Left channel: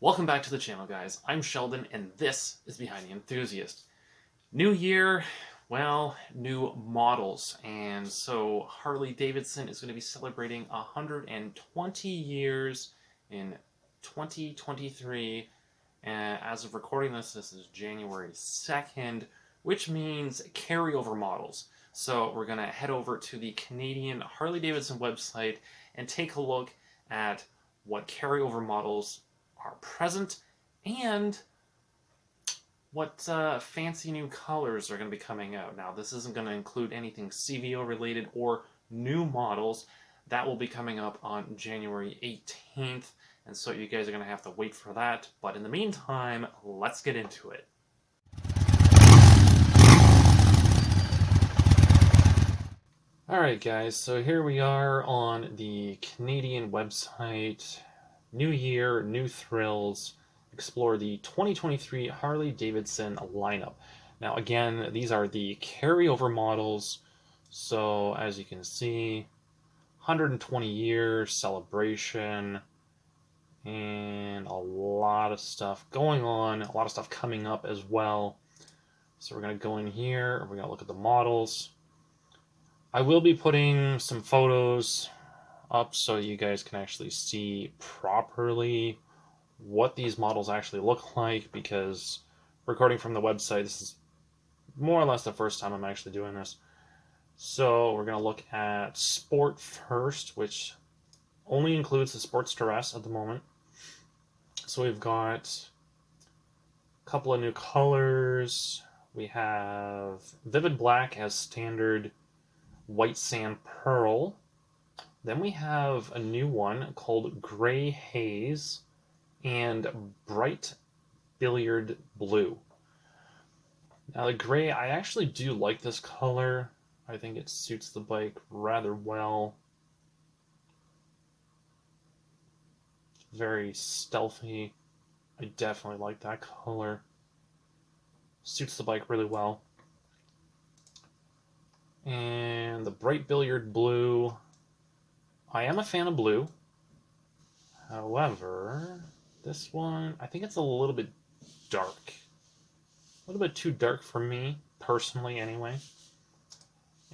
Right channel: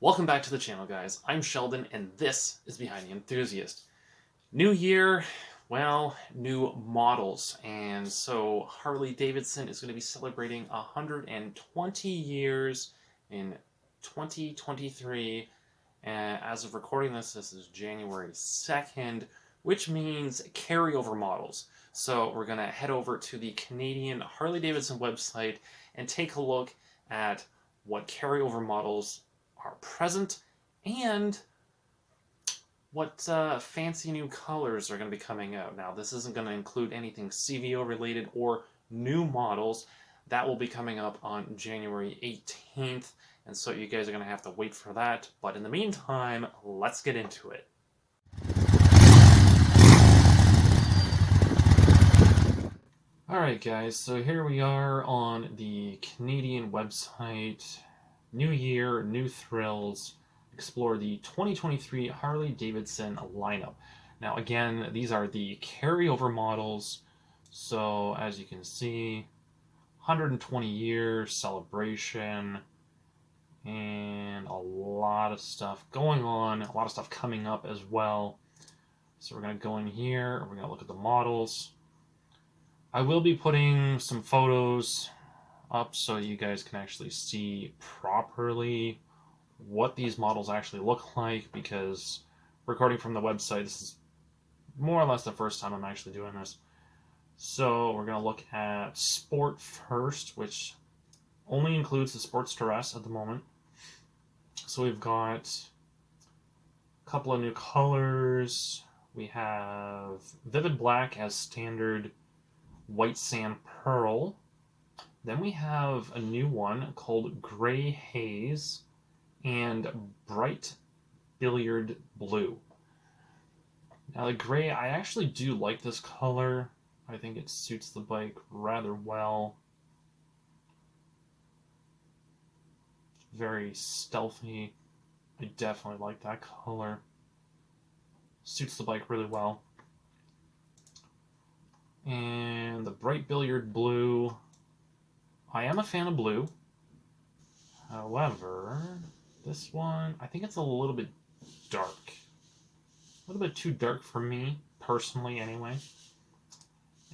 Welcome back to the channel, guys. I'm Sheldon, and this is Behind the Enthusiast. New year, well, new models. And so Harley-Davidson is going to be celebrating 120 years in 2023. And as of recording this is January 2nd, which means carryover models. So we're going to head over to the Canadian Harley-Davidson website and take a look at what carryover models are present and what fancy new colors are going to be coming out. Now, this isn't going to include anything CVO related or new models. That will be coming up on January 18th, and so you guys are going to have to wait for that. But in the meantime, let's get into it. Alright guys, so here we are on the Canadian website. New year, new thrills. Explore the 2023 Harley-Davidson lineup. Now again, these are the carryover models. So as you can see, 120 year celebration and a lot of stuff going on, a lot of stuff coming up as well. So we're going to go in here, we're going to look at the models. I will be putting some photos up so you guys can actually see properly what these models actually look like, because recording from the website, this is more or less the first time I'm actually doing this. So we're going to look at Sport first, which only includes the Sportster S at the moment. So we've got a couple of new colors. We have Vivid Black as standard, White Sand Pearl. Then we have a new one called Gray Haze and Bright Billiard Blue. Now the gray, I actually do like this color. I think it suits the bike rather well. Very stealthy. I definitely like that color. Suits the bike really well. And the Bright Billiard Blue, I am a fan of blue. However, this one, I think it's a little bit dark. A little bit too dark for me, personally anyway.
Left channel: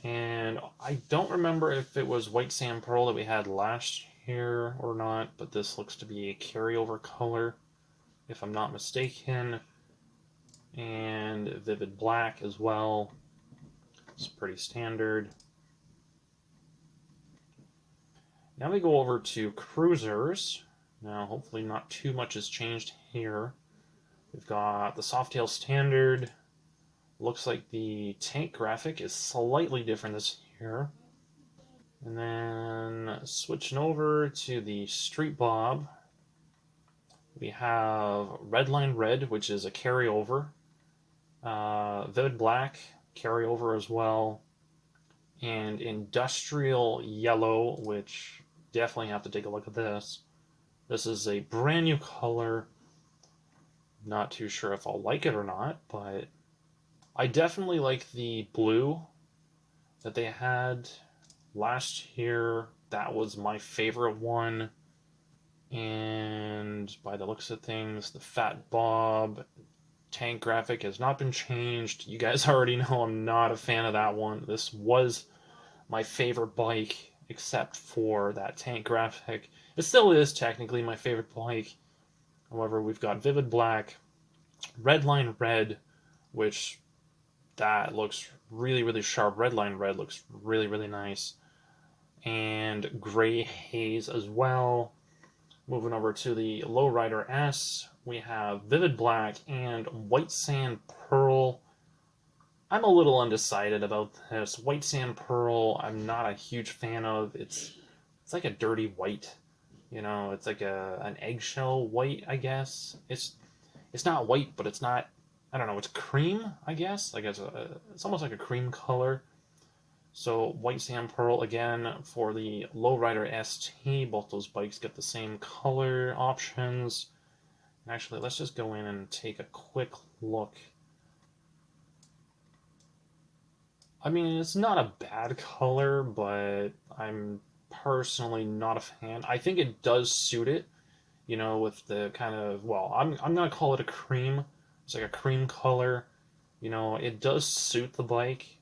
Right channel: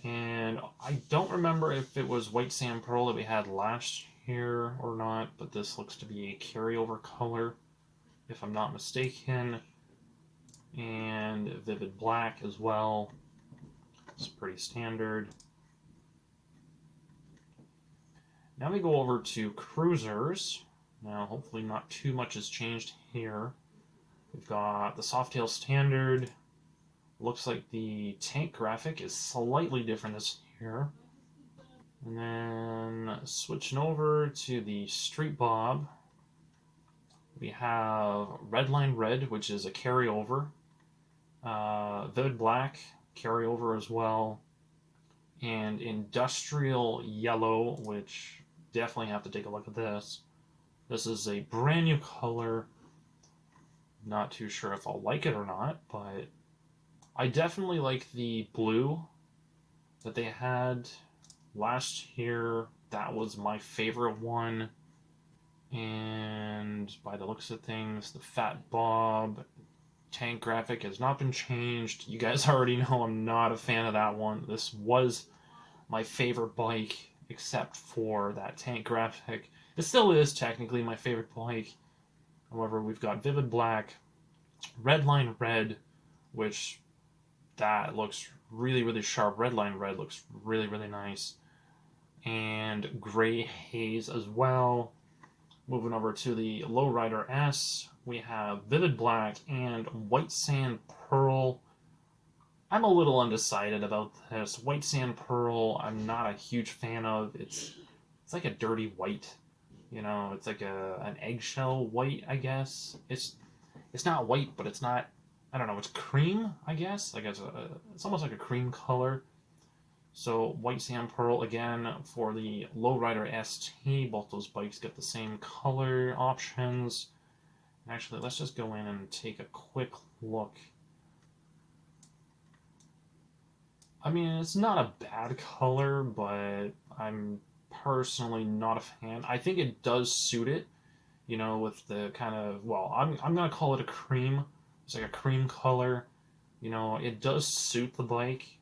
And I don't remember if it was White Sand Pearl that we had last year or not, but this looks to be a carryover color, if I'm not mistaken. And Vivid Black as well. It's pretty standard. Now we go over to cruisers. Now, hopefully not too much has changed here. We've got the Softail Standard. Looks like the tank graphic is slightly different this year. And then switching over to the Street Bob, we have Redline Red, which is a carryover. Vivid Black, carryover as well. And Industrial Yellow, which definitely have to take a look at this. This is a brand new color. Not too sure if I'll like it or not, but I definitely like the blue that they had last year. That was my favorite one. And by the looks of things, the Fat Bob tank graphic has not been changed. You guys already know I'm not a fan of that one. This was my favorite bike, except for that tank graphic. It still is technically my favorite bike. However, we've got Vivid Black, Redline Red, which that looks really, really sharp. Redline Red looks really, really nice. And Gray Haze as well. Moving over to the Lowrider S, we have Vivid Black and White Sand Pearl. I'm a little undecided about this. White Sand Pearl, I'm not a huge fan of. It's like a dirty white. You know, it's like an eggshell white, I guess. It's not white, but it's not, I don't know, it's cream, I guess. Like it's almost like a cream color. So White Sand Pearl, again, for the Lowrider ST, both those bikes get the same color options. Actually, let's just go in and take a quick look. I mean, it's not a bad color, but I'm personally not a fan. I think it does suit it. you know, with the kind of, well, I'm gonna call it a cream. It's like a cream color. You know, it does suit the bike.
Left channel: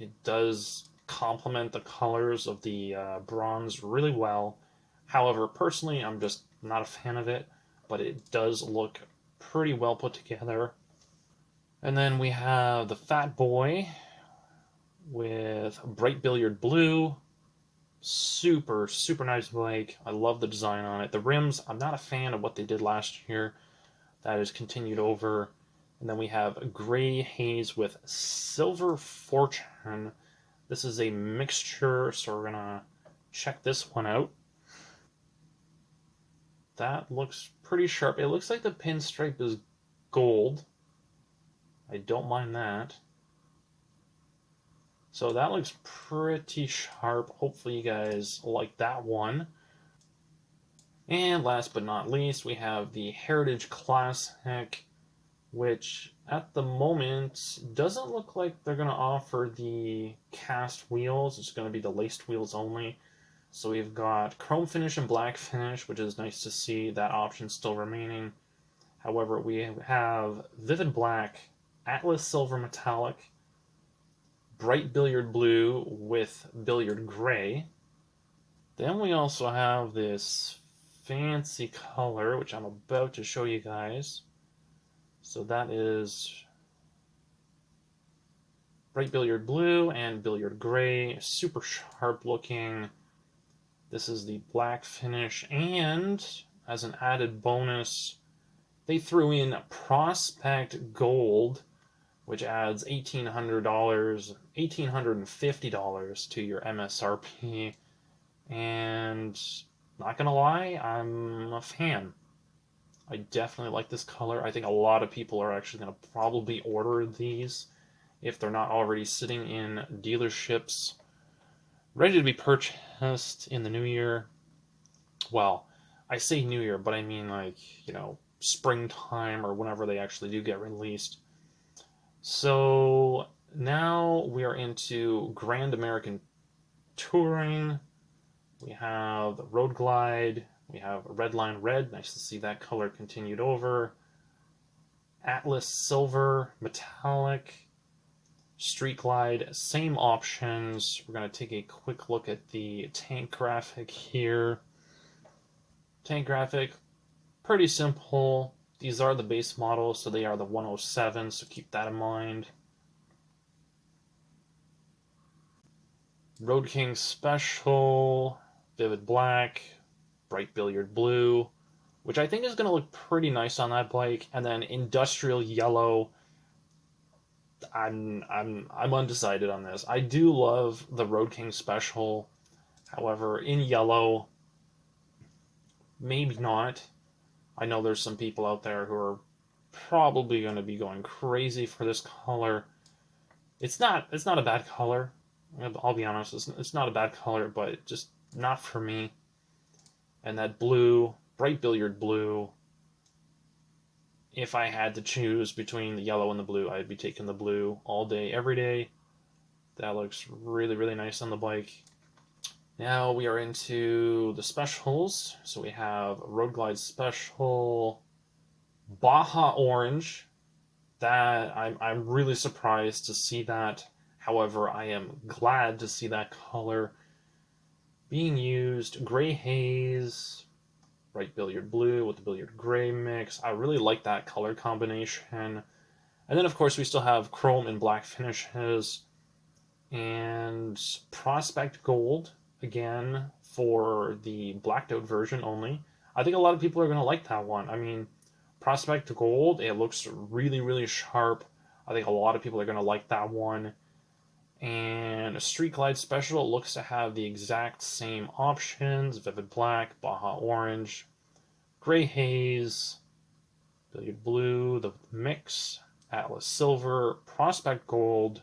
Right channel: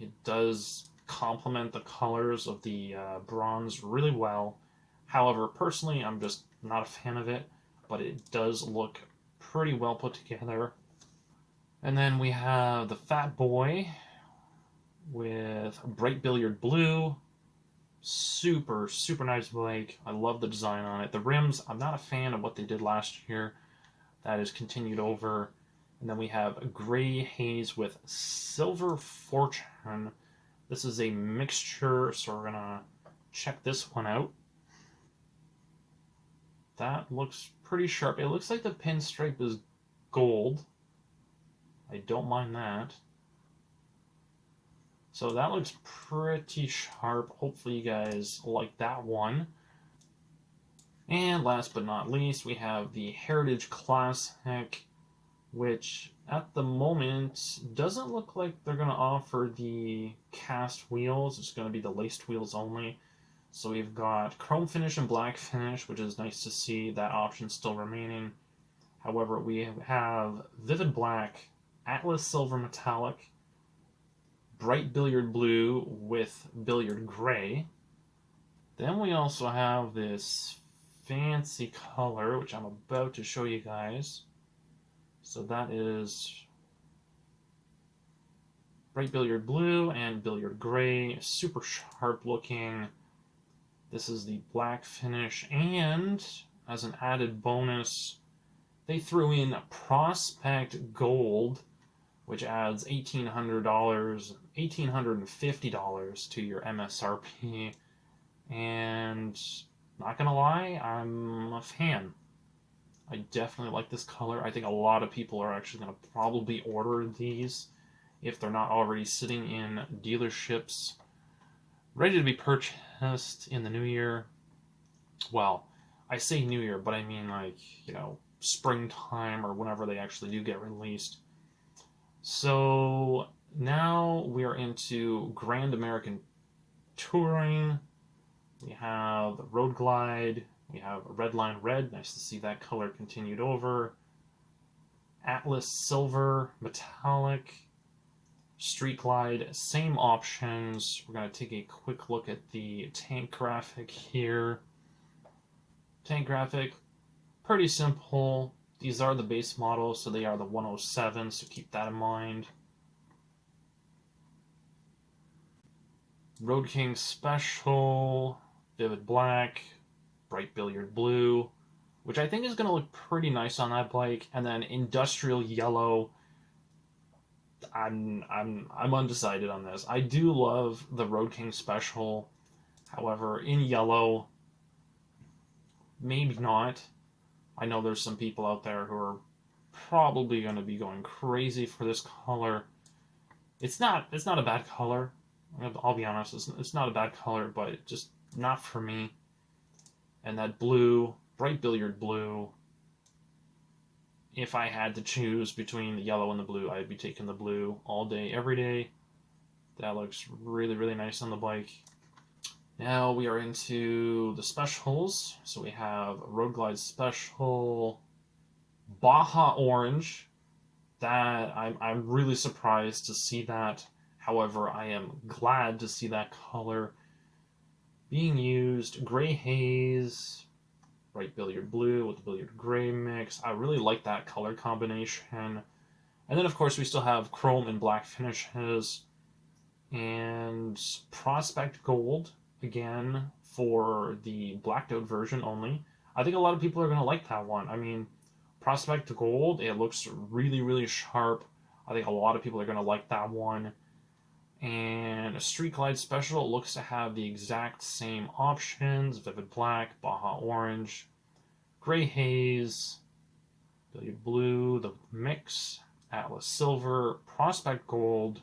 It does complement the colors of the bronze really well. However, personally, I'm just not a fan of it, but it does look pretty well put together. And then we have the Fat Boy with bright billiard blue. Super, super nice bike. I love the design on it. The rims, I'm not a fan of what they did last year. That is continued over. And then we have gray haze with silver fortune. This is a mixture, so we're gonna check this one out. That looks pretty sharp. It looks like the pinstripe is gold. I don't mind that. So that looks pretty sharp. Hopefully you guys like that one. And last but not least, we have the Heritage Classic, which at the moment doesn't look like they're going to offer the cast wheels. It's going to be the laced wheels only. So we've got chrome finish and black finish, which is nice to see that option still remaining. However, we have vivid black, Atlas silver metallic, bright billiard blue with billiard gray. Then we also have this fancy color, which I'm about to show you guys. So that is bright billiard blue and billiard gray, super sharp looking. This is the black finish, and as an added bonus, they threw in Prospect Gold, which adds $1,800, $1,850 to your MSRP. And not gonna lie, I'm a fan. I definitely like this color. I think a lot of people are actually gonna probably order these if they're not already sitting in dealerships, ready to be purchased in the new year. Well, I say new year, but I mean like, you know, springtime or whenever they actually do get released. So now we are into Grand American Touring. We have Road Glide. We have Redline Red. Nice to see that color continued over. Atlas Silver Metallic. Street Glide. Same options. We're going to take a quick look at the tank graphic here. Tank graphic, pretty simple. These are the base models, so they are the 107, so keep that in mind. Road King Special, Vivid Black, Bright Billiard Blue, which I think is going to look pretty nice on that bike. And then Industrial Yellow. I'm undecided on this. I do love the Road King Special. However, in yellow, maybe not. I know there's some people out there who are probably going to be going crazy for this color. It's not a bad color. I'll be honest, it's not a bad color, but just not for me. And that blue, bright billiard blue, if I had to choose between the yellow and the blue, I'd be taking the blue all day, every day. That looks really, really nice on the bike. Now we are into the specials. So we have Road Glide Special, Baja Orange. That I'm really surprised to see that. However, I am glad to see that color being used. Gray Haze, bright billiard blue with the billiard gray mix. I really like that color combination. And then, of course, we still have chrome and black finishes. And Prospect Gold, again, for the blacked out version only. I think a lot of people are going to like that one. I mean, Prospect Gold, it looks really, really sharp. I think a lot of people are going to like that one. And a Street Glide Special looks to have the exact same options. Vivid Black, Baja Orange, Gray Haze, Billiard Blue, the mix, Atlas Silver, Prospect Gold,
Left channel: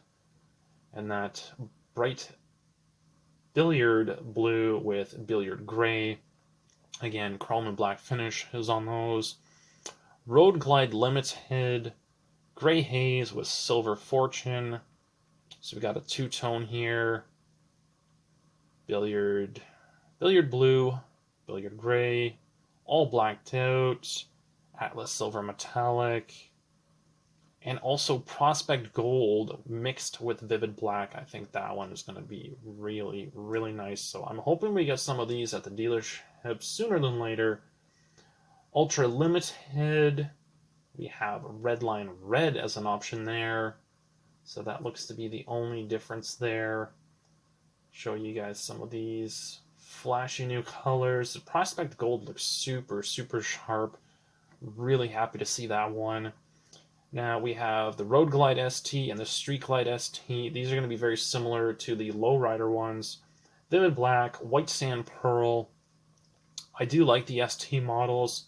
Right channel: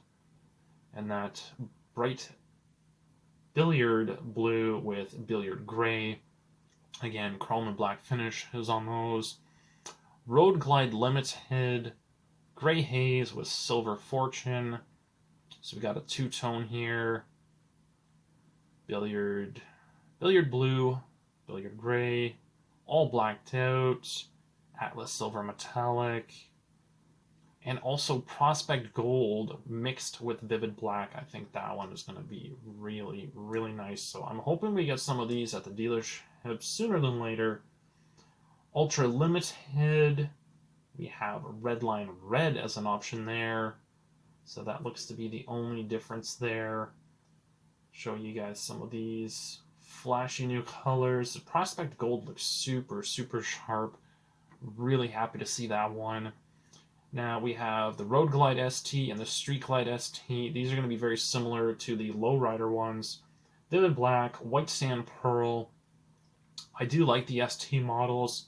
and that bright Billiard Blue with Billiard Gray. Again, chrome and black finish is on those. Road Glide Limited, Gray Haze with Silver Fortune. So we got a two-tone here. Billiard Blue, Billiard Gray, all blacked out, Atlas Silver Metallic, and also Prospect Gold mixed with Vivid Black. I think that one is going to be really, really nice. So I'm hoping we get some of these at the dealership sooner than later. Ultra Limited, we have Redline Red as an option there. So that looks to be the only difference there. Show you guys some of these flashy new colors. The Prospect Gold looks super, super sharp. Really happy to see that one. Now we have the Road Glide ST and the Street Glide ST. These are going to be very similar to the Lowrider ones. Vivid Black, White Sand Pearl. I do like the ST models.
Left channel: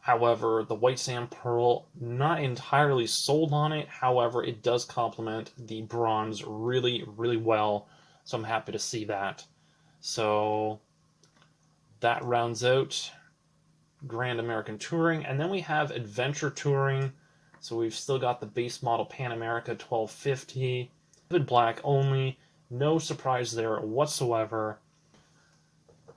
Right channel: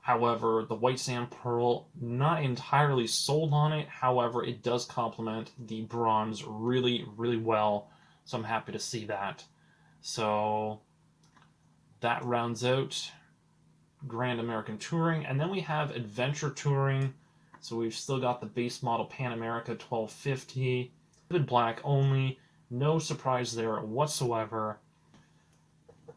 However, the White Sand Pearl, not entirely sold on it. However, it does complement the bronze really, really well. So I'm happy to see that. So that rounds out Grand American Touring. And then we have Adventure Touring. So we've still got the base model Pan America 1250. Vivid Black only. No surprise there whatsoever.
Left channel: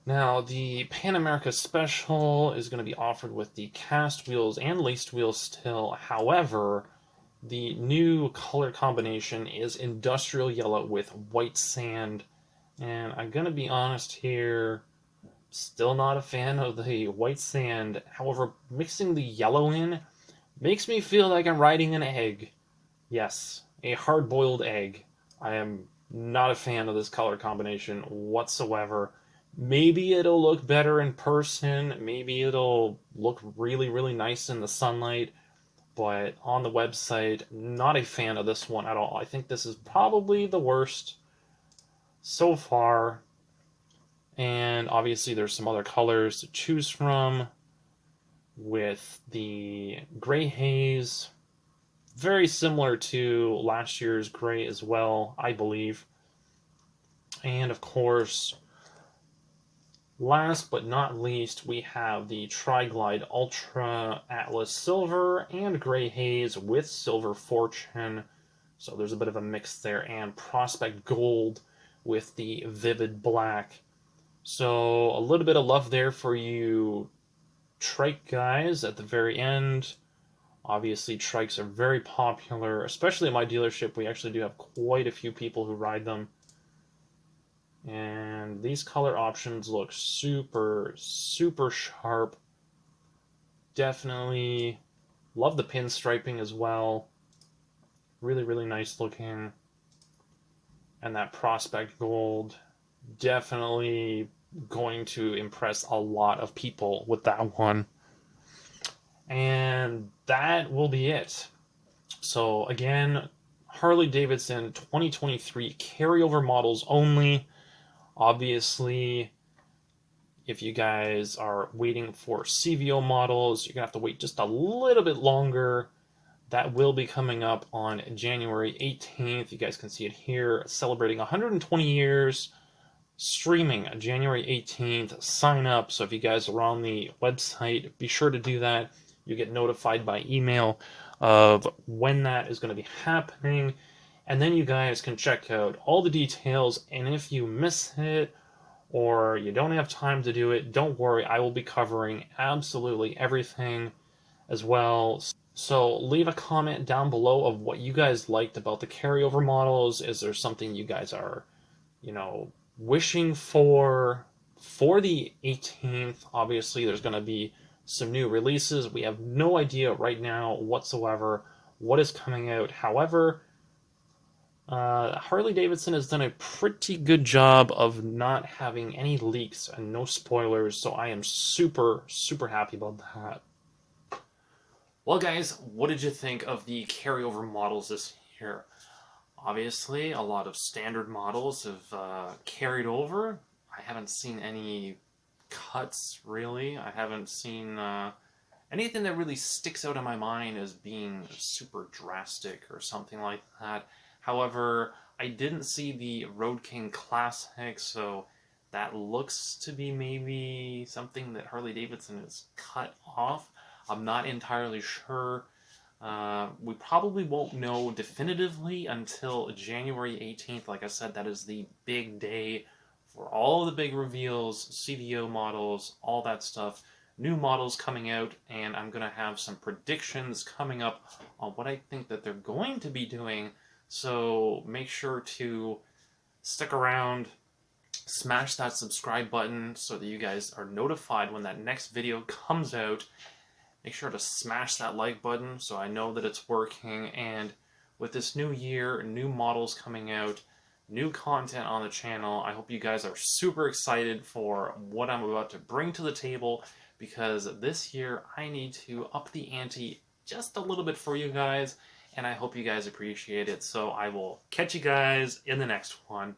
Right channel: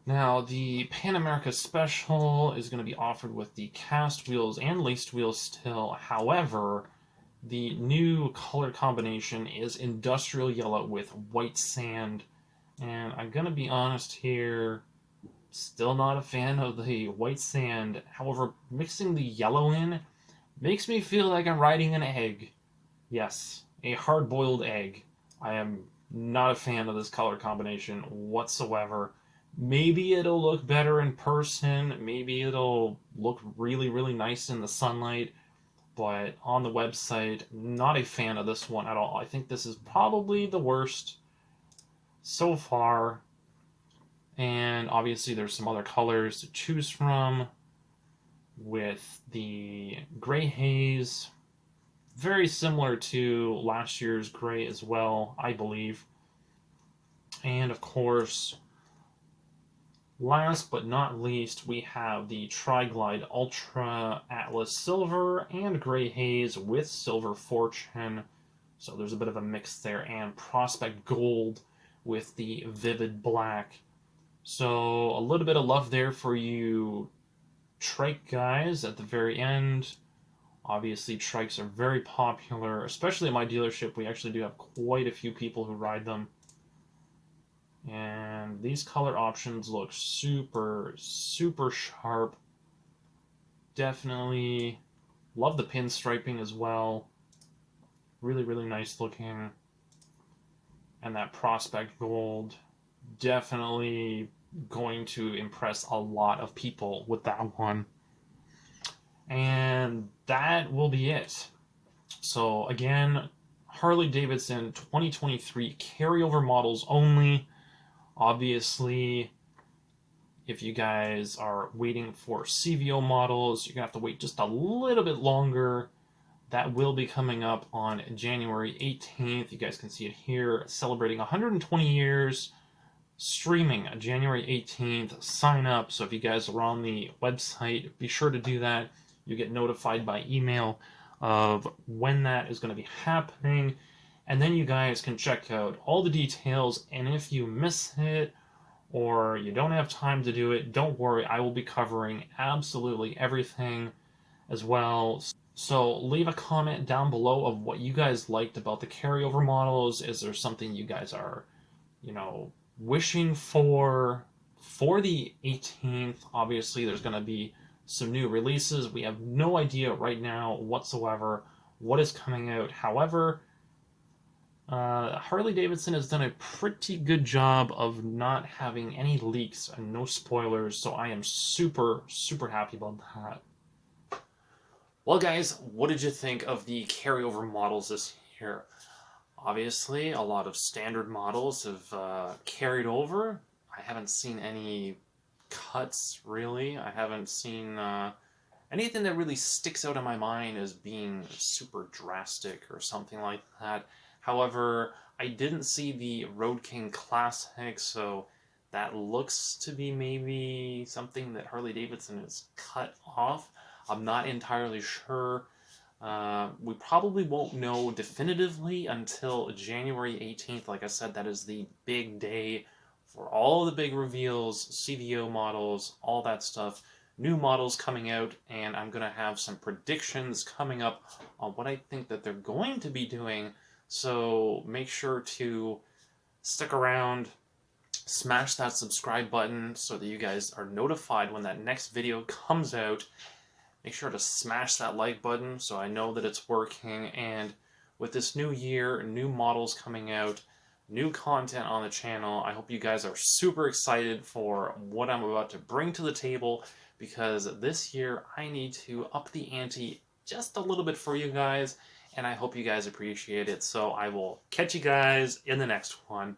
Now, the Pan America Special is going to be offered with the cast wheels and laced wheels still. However, the new color combination is industrial yellow with white sand. And I'm going to be honest here, still not a fan of the white sand. However, mixing the yellow in makes me feel like I'm riding an egg. Yes, a hard-boiled egg. I am not a fan of this color combination whatsoever. Maybe it'll look better in person. Maybe it'll look really, really nice in the sunlight. But on the website, not a fan of this one at all. I think this is probably the worst so far. And obviously there's some other colors to choose from with the Gray Haze. Very similar to last year's Gray as well, I believe. And of course, last but not least, we have the Tri-Glide Ultra Atlas Silver and Gray Haze with Silver Fortune. So there's a bit of a mix there. And Prospect Gold with the Vivid Black. So a little bit of love there for you trike guys at the very end. Obviously, trikes are very popular, especially at my dealership. We actually do have quite a few people who ride them. And these color options look super, super sharp. Definitely love the pinstriping as well. Really, really nice looking. And that Prospect Gold, definitely going to impress a lot of people with that one. And that will be it. So again, Harley-Davidson 2023 carryover models only. Obviously, if you guys are waiting for CVO models, you're going to have to wait just a little bit longer. That will be coming up on January 18th. You guys can see it here, celebrating 120 years, streaming January 18th. Sign up. So if you guys are on the website, be sure to do that. You get notified by email of when that is going to be happening. And then you guys can check out all the details. And if you miss it or you don't have time to do it, don't worry. I will be covering absolutely everything as well. So leave a comment down below of what you guys liked about the carryover models. Is there something you guys are, wishing for the 18th? Obviously, there's going to be some new releases. We have no idea right now whatsoever what is coming out. However, Harley-Davidson has done a pretty good job of not having any leaks and no spoilers, so I am super, super happy about that. Well, guys, what did you think of the carryover models this year? Obviously, a lot of standard models have carried over. I haven't seen any cuts, really. I haven't seen anything that really sticks out in my mind as being super drastic or something like that. However, I didn't see the Road King Classic, so that looks to be maybe something that Harley-Davidson has cut off. I'm not entirely sure. We probably won't know definitively until January 18th. Like I said, that is the big day for all the big reveals, CVO models, all that stuff. new models coming out, and I'm going to have some predictions coming up on what I think that they're going to be doing. So make sure to stick around, smash that subscribe button so that you guys are notified when that next video comes out. Make sure to smash that like button so I know that it's working. And with this new year, new models coming out, new content on the channel, I hope you guys are super excited for what I'm about to bring to the table, because this year I need to up the ante just a little bit for you guys, and I hope you guys appreciate it. So I will catch you guys in the next one.